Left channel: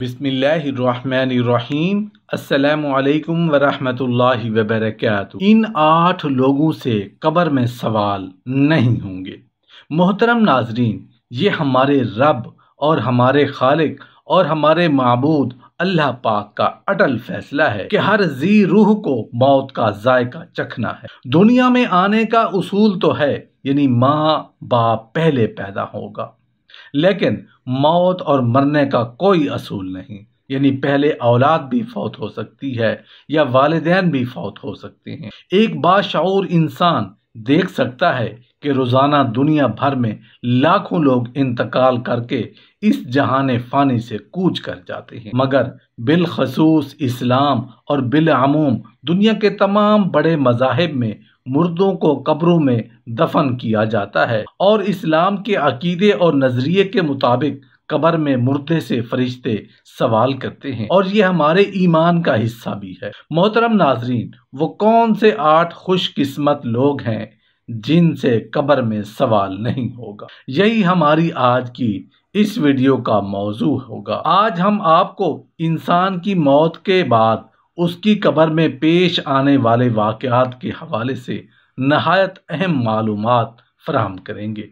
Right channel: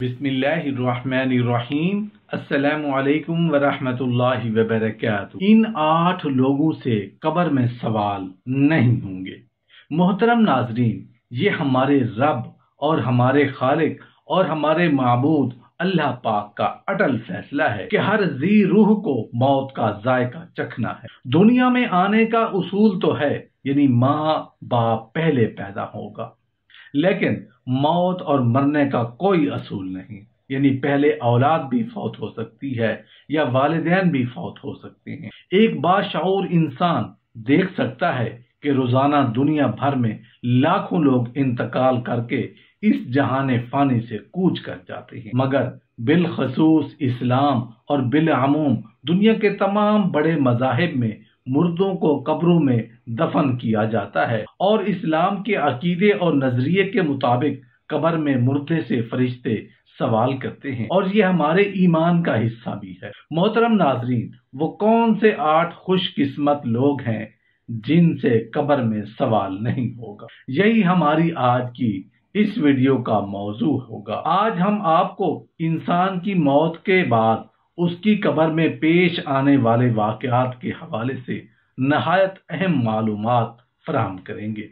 बिस्मिल्लाहिर्रहमानिर्रहीम। अस्सलामु अलैकुम वरहमतुल्लाहि वबरकातुहू। इन 8 लोगों से कब्र में सवाल नहीं होंगे। मोहतरम नाजरीन, ये हमारे रब और हमारे खालिक और हमारे माबूद अल्लाह पाक का अटल फैसला है कि हर जी रूह को मौत का जायका चखना है। दुनिया में आने का उसूल तो है, यानी माँ बाप पहले पैदा होगा, लेकिन मौत और मरने का कोई असूल नहीं, यानी पहले औलाद भी फौत हो सकती है या वालिदैन भी फौत हो सकते हैं। एक बाशऊर इंसान देख सकता है कि रोजाना दुनिया भर में लाखों लोग इंतकाल करके इस जहाने फानी से कूच कर जाते हैं, मगर बिलखसूस इस्लाम और बिलअमूम दुनिया के तमाम बड़े मज़ाहिब में मुर्दों को कब्रों में दफन किया जाता है और इस्लाम के अकीदे और नजरिए के मुताबिक कब्र में मुर्दे से फरिश्ते सवाल करते हैं और ये हमारे ईमान का हिस्सा भी है। मोहतरम नाजरीन, वो कौन से 8 खुशकिस्मत लोग हैं जिनसे कब्र में सवाल नहीं होगा? यही हमारी आज की इस वीडियो का मौजू होगा। आज हम आपको इंसान की मौत के बाद उसकी कब्र में पेश आने वाले वाक़यात के हवाले से नहायत अहम मालूमात फराहम करेंगे।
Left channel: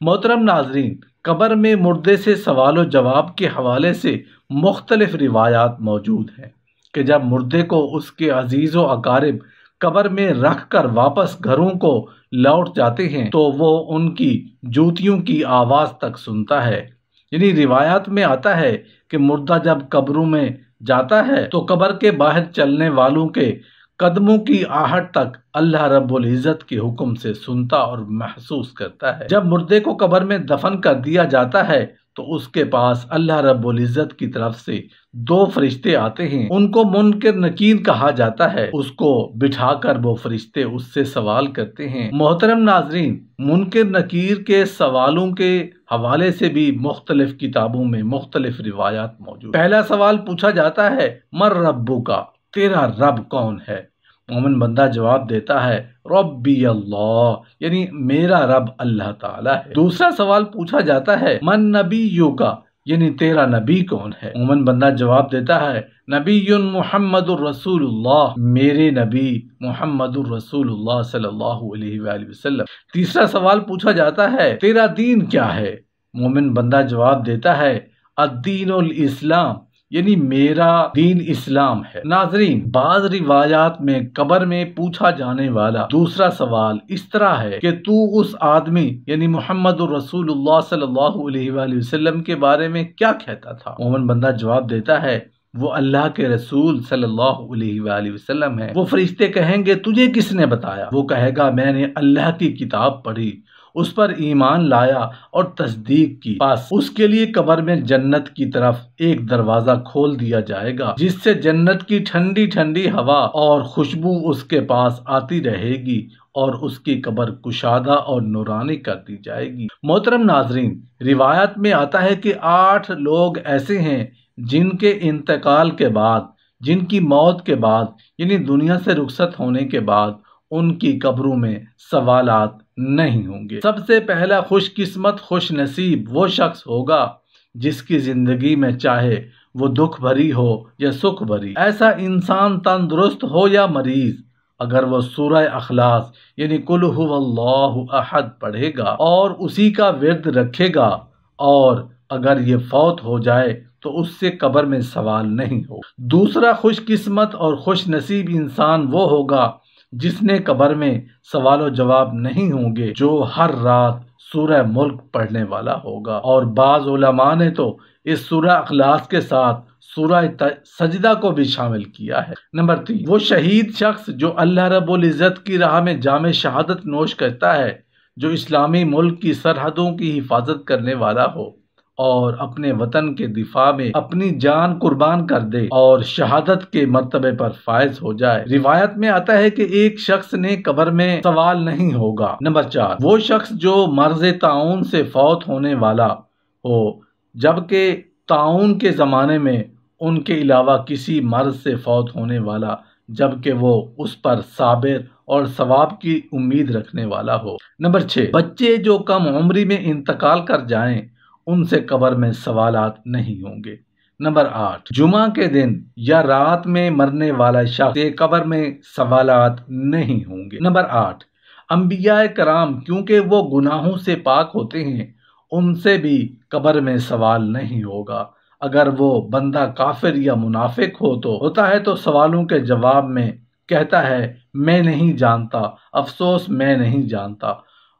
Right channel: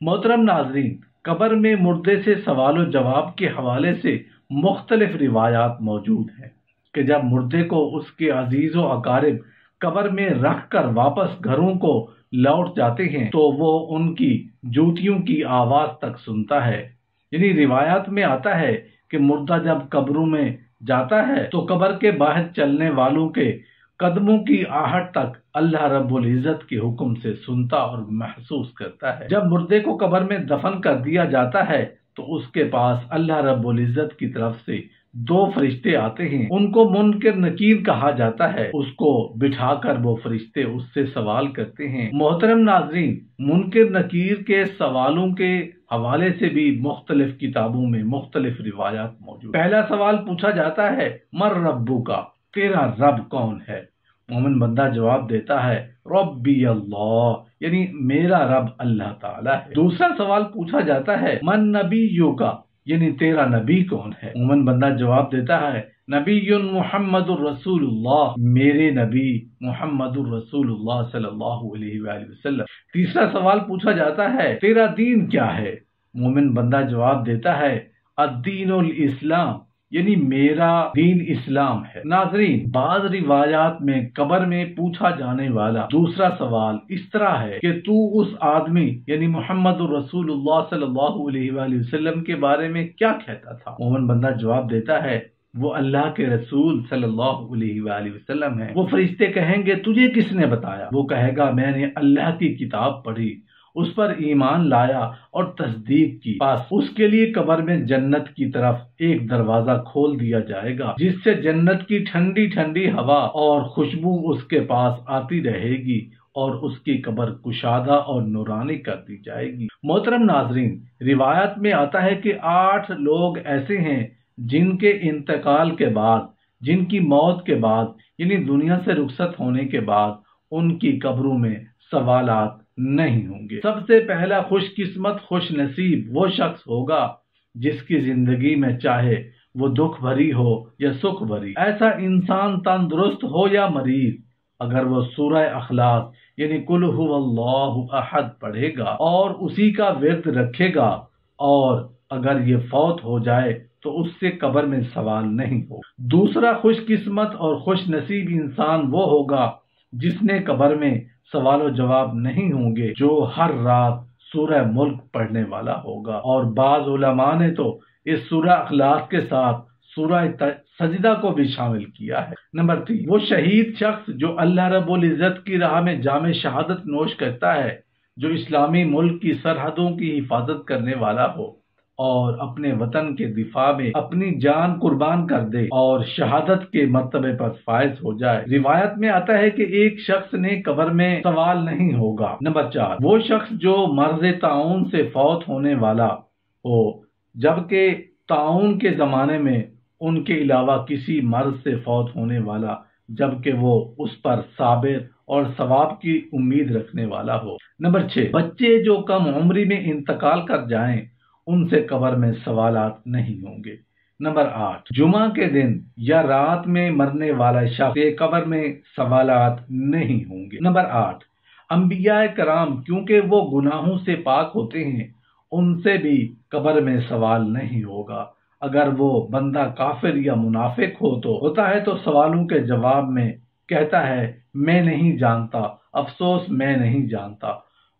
मोहतरम नाजरीन, कब्र में मुर्दे से सवाल जवाब के हवाले से मुख्तलिफ रिवायात मौजूद हैं कि जब मुर्दे को उसके अजीज़ व अकारिब कब्र में रख कर वापस घरों को लौट जाते हैं तो वो उनकी जूतियों की आवाज़ तक सुनता है। यानी रिवायात में आता है कि मुर्दा जब कब्रों में जाता है तो कब्र के बाहर चलने वालों के कदमों की आहट तक अल्लाह रब्बुल इज़्ज़त के हुक्म से सुनता और महसूस करता है। जब मुर्दे को कब्र में दफन कर दिया जाता है तो उसके पास अल्लाह रब्बुल इज़्ज़त की तरफ से 2 फरिश्ते आते हैं। उनको मुनकर नकीर कहा जाता है। उसको बिठाकर वो फरिश्ते उससे सवाल करते हैं। मोहतरम नाजरीन, मुनकर नकीर के सवालों के हवाले से भी मुख्तलिफ किताबों में मुख्तलिफ रिवायात मौजूद। पहला सवाल पूछा जाता है, मर रब्बुका, तेरा रब कौन है? मोमिन बंदा जवाब देता है, रब्बी अल्लाह, यानी मेरा रब अल्लाह ताला है। दूसरा सवाल पूछा जाता है, मन नबीयुका, यानी तेरा नबी कौन है? मोमिन बंदा जवाब देता है, नबीयुन मुहम्मदुर रसूलुल्लाह, मेरे नबी मुहम्मदुर रसूलुल्लाह सल्लल्लाहु अलैहि वसल्लम। तीसरा सवाल पूछा जाता है, तेरा दीन क्या है? मोमिन बंदा जवाब देता है, अद्दीनुल इस्लाम, यानी मेरा दीन इस्लाम है। नाजरीन, बाज़ रिवायात में कब्र में पूछा जाने वाला दूसरा सवाल इस तरह है कि तू उस आदमी यानी मुहम्मदुर रसूलुल्लाह सल्लल्लाहु अलैहि वसल्लम के बारे में क्या कहता था? मोमिन बंदा जवाब देता है, वो अल्लाह के रसूल सल्लल्लाहु अलैहि वसल्लम है। वो फरिश्ते कहेंगे, तुझे किसने बताया? वो कहेगा, मैंने अल्लाह की किताब पढ़ी, उस पर ईमान लाया और तस्दीक की। बस उसके लिए कब्र में जन्नत की तरफ एक दरवाजा खोल दिया जाएगा जिससे जन्नत की ठंडी ठंडी हवा और खुशबू उसके पास आती रहेगी और उसकी कब्र कुशादा और नूरानी कर दी जाएगी। मोहतरम नाजरीन, रिवायत में आता है कि 8 लोग ऐसे हैं जिनके इंतकाल के बाद, जिनकी मौत के बाद, यानी दुनिया से रुखसत होने के बाद उनकी कब्रों में सवालात नहीं होंगे। सबसे पहला खुशकिस्मत खुश नसीब वो शख्स होगा जिसकी जिंदगी में चाहे वो दुख भरी हो या सुख भरी, ऐसा इंसान तंदुरुस्त हो या मरीज, अगर वो सूरह अखलास यानी कुल हुवल्लाहु अहद पढ़ेगा और उसी का विर्द रखेगा और अगर ये फौत हो जाए तो उससे कब्र में सवाल नहीं हो। दूसरा खुशकिस्मत और खुश नसीब इंसान वो होगा जिसने कब्र में सवाल जवाब नहीं होंगे, जो हर रात सूरह मुल्क पढ़ने वाला होगा। और बाज़ उलमा ने तो इस सूरह अखलास के साथ सूरह सजदा को भी शामिल किया है। नंबर 3, वो शहीद शख्स जो अल्लाह रब्बुल इज़्ज़त की राह में जामे शहादत नोश करता है, जो इस्लामी मुल्क की सरहदों की हिफाजत करने वाला हो और अपने वतन के दिफा में अपनी जान कुर्बान कर दे और शहादत के मर्तबे पर फायज हो जाए। रिवायत में आता है कि एक शख्स ने कब्र में सवाल नहीं होगा। नंबर 4, वो शख्स जो मर्ज ताउन से फौत होने वाला हो, जबकि ताउन के जमाने में उनके अलावा किसी मर्ज से फौत होने वाला, जबकि वो उस पर साबिर और सवाब की उम्मीद रखने वाला हो। नंबर 6, बच्चे जो कम उम्री में इंतकाल कर जाएं उनसे कब्र में सवालात नहीं होंगे। نمبر 8، جمعہ کے دن یا رات میں مرنے والا شخص سے قبر میں سوالات نہیں ہوں گے۔ نمبر 8، انبیاء کرام کیونکہ وہ گناہوں سے پاک ہوتے ہیں، ان سے بھی قبر میں سوال نہیں ہوگا۔ اگر وہ بندہ کافر یا منافق ہوتا ہے تو سوالوں کے جواب میں کہتا ہے میں نہیں جانتا، افسوس میں نہیں جانتا۔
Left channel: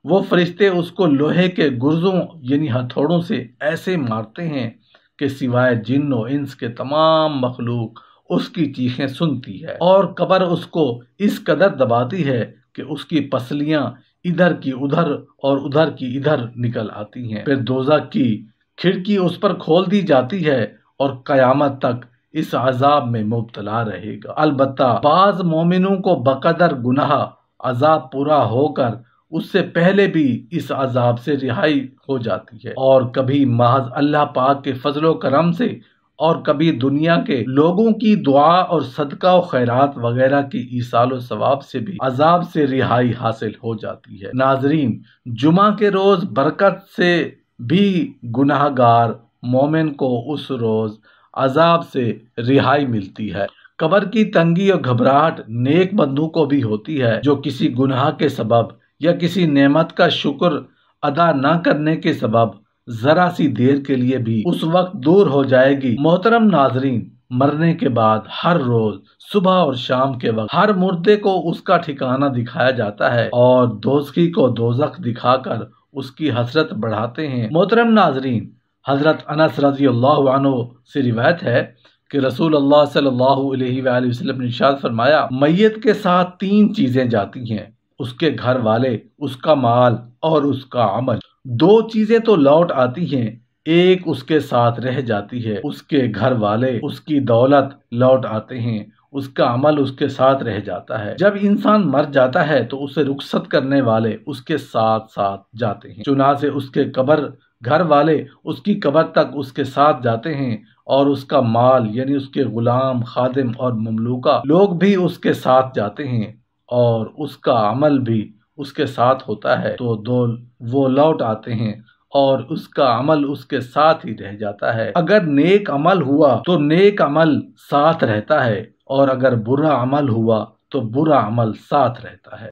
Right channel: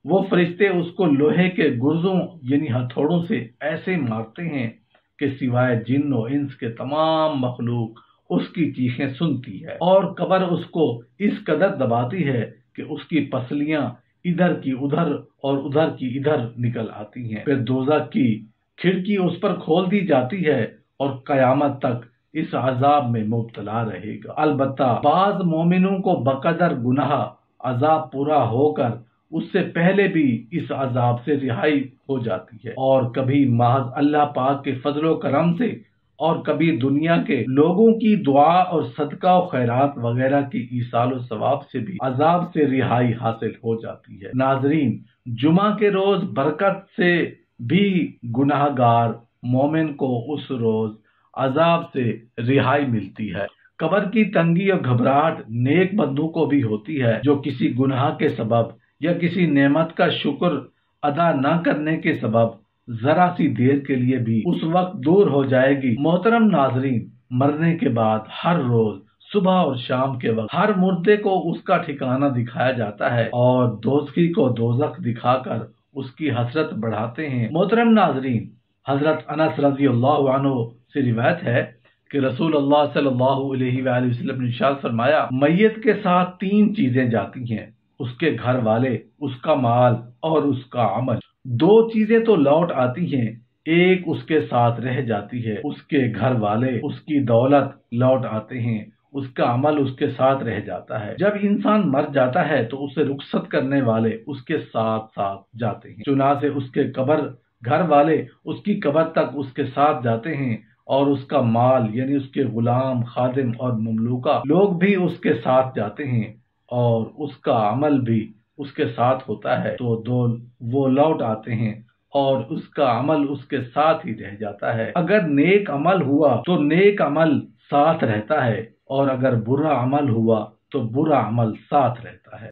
وہ فرشتے اس کو لوہے کے گرزوں یعنی ہتھوڑوں سے ایسے مارتے ہیں کہ سوائے جن و انس کے تمام مخلوق اس کی چیخیں سنتی ہے، اور قبر اس کو اس قدر دباتی ہے کہ اس کی پسلیاں ادھر کی ادھر اور ادھر کی ادھر نکل آتی ہیں۔ پھر دوزخ کی کھڑکی اس پر کھول دی جاتی ہے اور قیامت تک اس عذاب میں مبتلا رہے گا۔ البتہ بعض مومنوں کو بقدر گناہ عذاب پورا ہو کر اس سے پہلے بھی اس عذاب سے رہائی ہو جاتی ہے، اور کبھی محض اللہ پاک کے فضل و کرم سے اور کبھی دنیا کے لوگوں کی دعا اور صدقہ و خیرات وغیرہ کی ایصال و ثواب سے بھی عذاب سے رہائی حاصل ہو جاتی ہے۔ ناظرین، جمعہ کے روز برکت سے بھی گناہ گار مومن کو اس روز عذاب سے رہائی ملتی ہے۔ قبر کی تنگی اور گھبراہٹ نیک بندوں کو بھی ہوتی ہے جو کسی گناہ کے سبب یا کسی نعمت کا شکر ادا نہ کرنے کے سبب ذرا سی دیر کے لیے بھی اس وقت دور ہو جائے گی۔ محترم ناظرین، مرنے کے بعد ہر روز صبح اور شام کے وقت ہر مردے کو اس کا ٹھکانہ دکھایا جاتا ہے اور دوزخی کو دوزخ دکھا کر اس کی حسرت بڑھاتے ہیں۔ محترم ناظرین، حضرت انس رضی اللہ عنہ سے روایت ہے کہ رسول اللہ صلی اللہ علیہ وآلہ وسلم نے ارشاد فرمایا، میت کے ساتھ 3 چیزیں جاتی ہیں، اس کے گھر والے، اس کا مال اور اس کا عمل۔ 2 چیزیں تو لوٹ آتی ہیں، ایک اس کے ساتھ رہ جاتی ہے، اس کے گھر والے، اس کی دولت لوٹ آتے ہیں، اس کا عمل اس کے ساتھ رہ جاتا ہے۔ جب انسان مر جاتا ہے تو اسے رخصت کرنے والے اس کے ساتھ ساتھ جاتے ہیں، چنانچہ اس کے گھر والے اس کی قبر تک اس کے ساتھ جاتے ہیں، اور اس کا مال یعنی اس کے غلام، خادم اور مملوکہ لوگ بھی اس کے ساتھ جاتے ہیں، اور اس کا عمل بھی اس کے ساتھ ہوتا ہے، تو وہ لوٹ آتے ہیں اور اس کا عمل اس کے ساتھ ہی رہ جاتا ہے۔ اگر نیک عمل ہوا تو نیک عمل ساتھ رہتا ہے، اور اگر برا عمل ہوا تو برا عمل ساتھ رہتا ہے۔